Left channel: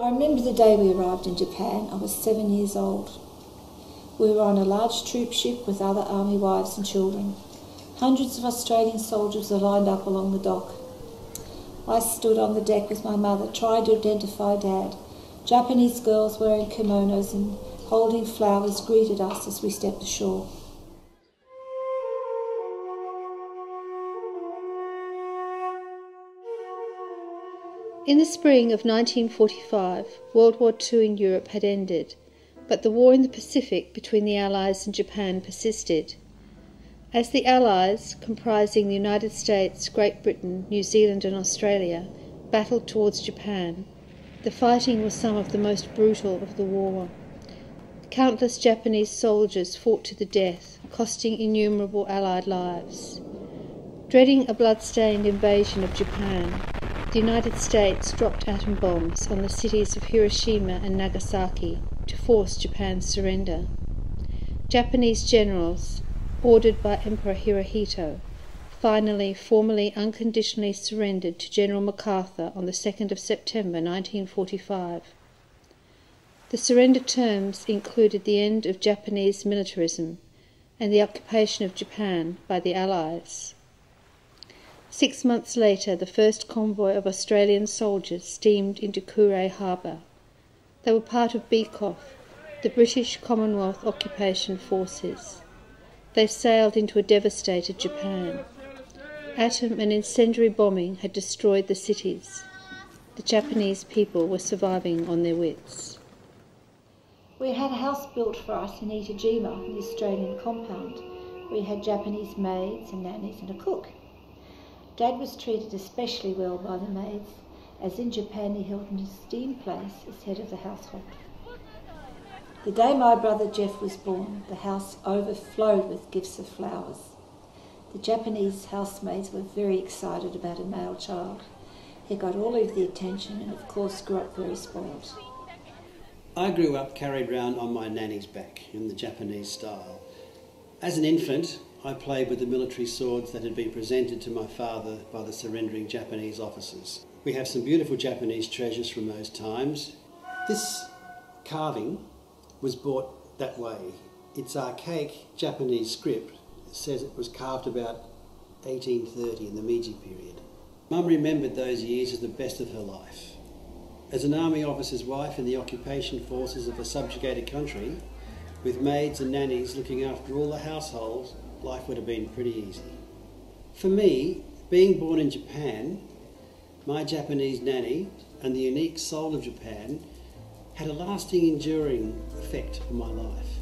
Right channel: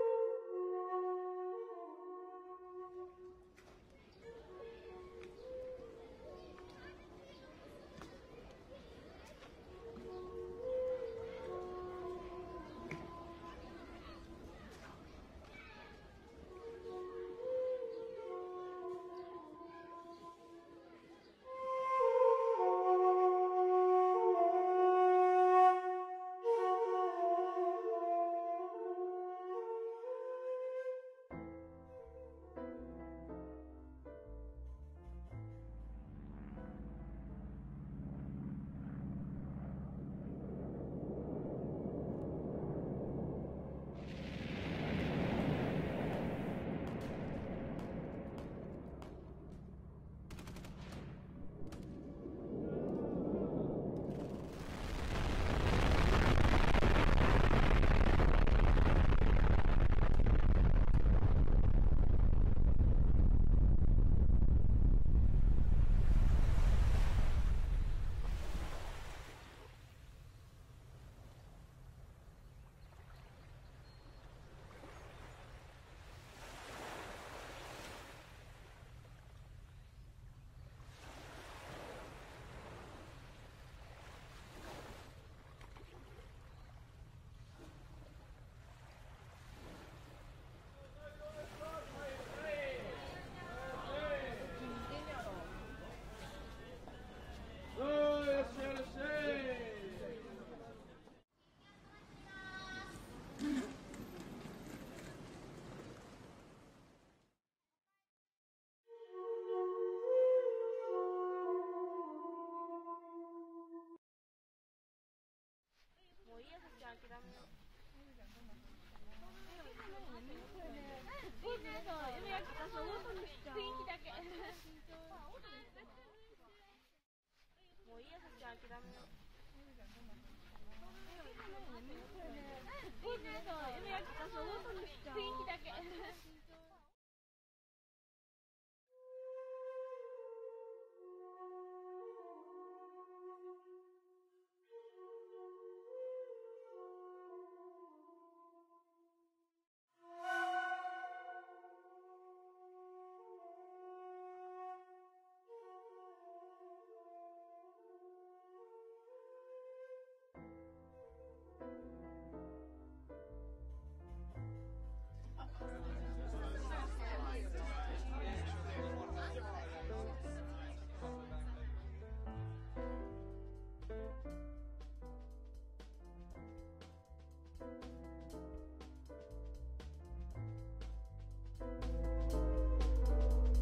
I remember the day we arrived in Japan. I was 7 years old. We were on a large troop ship with other army wives and children. Hundreds of Australian soldiers were lined up along the dock. I stood on the deck with my mother, trying to identify Dad. Japanese girls wearing kimonos and holding flowers greeted us as we stepped ashore. In the spring of 1945, World War II in Europe had ended, but the war in the Pacific between the Allies and Japan persisted. As the Allies, comprising the United States, Great Britain, New Zealand and Australia, battled towards Japan, the fighting was some of the most brutal of the war. Countless Japanese soldiers fought to the death, costing innumerable Allied lives. Dreading a blood-stained invasion of Japan, the United States dropped atom bombs on the cities of Hiroshima and Nagasaki to force Japan's surrender. Japanese generals, ordered by Emperor Hirohito, finally formally unconditionally surrendered to General MacArthur on the 2nd of September 1945. The surrender terms included the end of Japanese militarism and the occupation of Japan by the Allies. 6 months later, the first convoy of Australian soldiers steamed into Kure Harbour. They were part of BCOF, the British Commonwealth Occupation Forces. They sailed into a devastated Japan. Atom and incendiary bombing had destroyed the cities. The Japanese people were surviving on their wits. We had a house built for us in Itajima, the Australian compound. We had Japanese maids and nannies and a cook. Dad was treated especially well by the maids, as in Japan he held an esteemed place as head of the household. The day my brother Jeff was born, the house overflowed with gifts of flowers. The Japanese housemaids were very excited about a male child. He got all of the attention and of course grew up very spoiled. I grew up carried round on my nanny's back in the Japanese style. As an infant, I played with the military swords that had been presented to my father by the surrendering Japanese officers. We have some beautiful Japanese treasures from those times. This carving was bought that way. Its archaic Japanese script says it was carved about 1830 in the Meiji period. Mum remembered those years as the best of her life. As an army officer's wife in the occupation forces of a subjugated country, with maids and nannies looking after all the households, life would have been pretty easy. For me, being born in Japan, my Japanese nanny and the unique soul of Japan had a lasting, enduring effect on my life.